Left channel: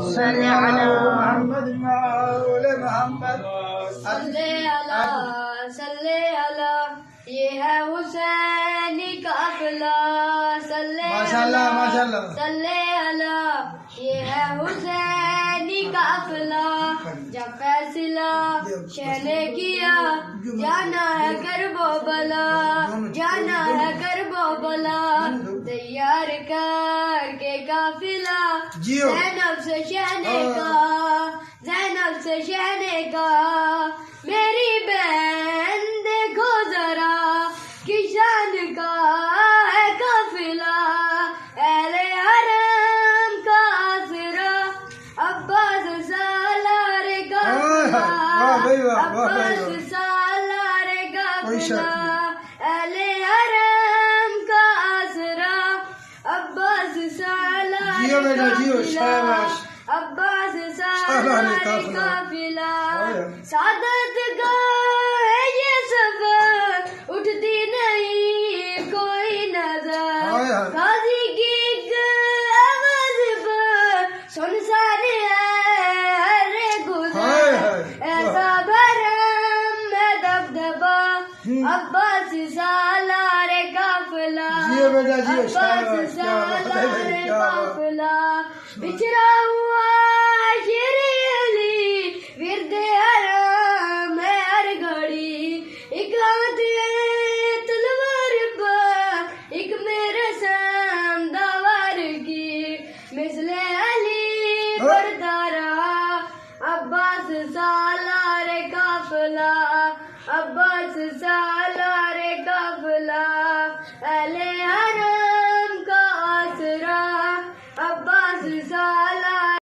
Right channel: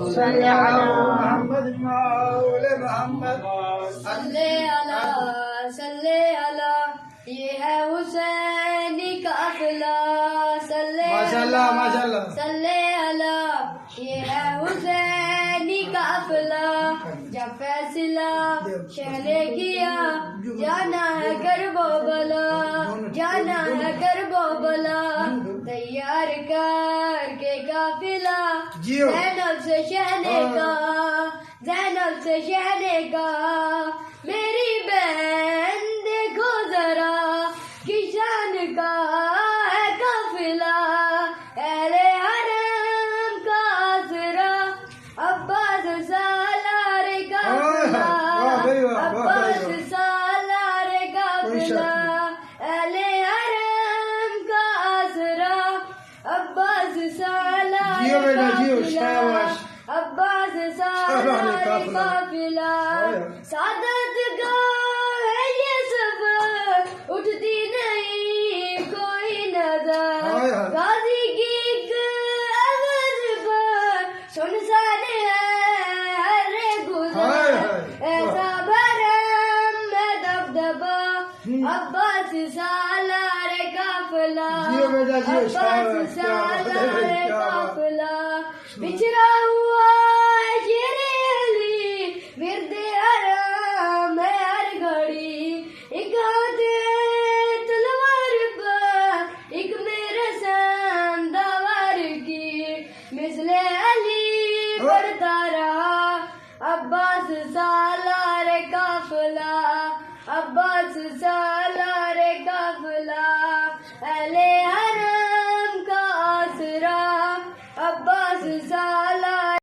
صلی علی محمد مول محمد صلی علی یہ ہے حسین کا قافلہ صلی ماشاءاللہ ماشاءاللہ صلی علی یہ ہے حسین کا قافلہ جب فیصلہ شہ نے کیا جانا ہے کربلا جانا ہے کربلا تیار کر کے قافلہ زینب سے شہنے کا زینب سے شہنے کا میری بہن دیکھو ذرا کشان کا ہے قافلہ اہل حرم کا آسرا عباس سالار قافلہ عباس سالار قافلہ اہل حرم کا آسرا عباس سالار قافلہ عباس سالار قافلہ سعادت کا ہے یہ سفر اٹھتی نہیں کوئی نظر غازی کی آواز پر سنسان ہے ہر گزر ایسا بھرم ہے دبدبا عباس سالار قافلہ عباس سالار قافلہ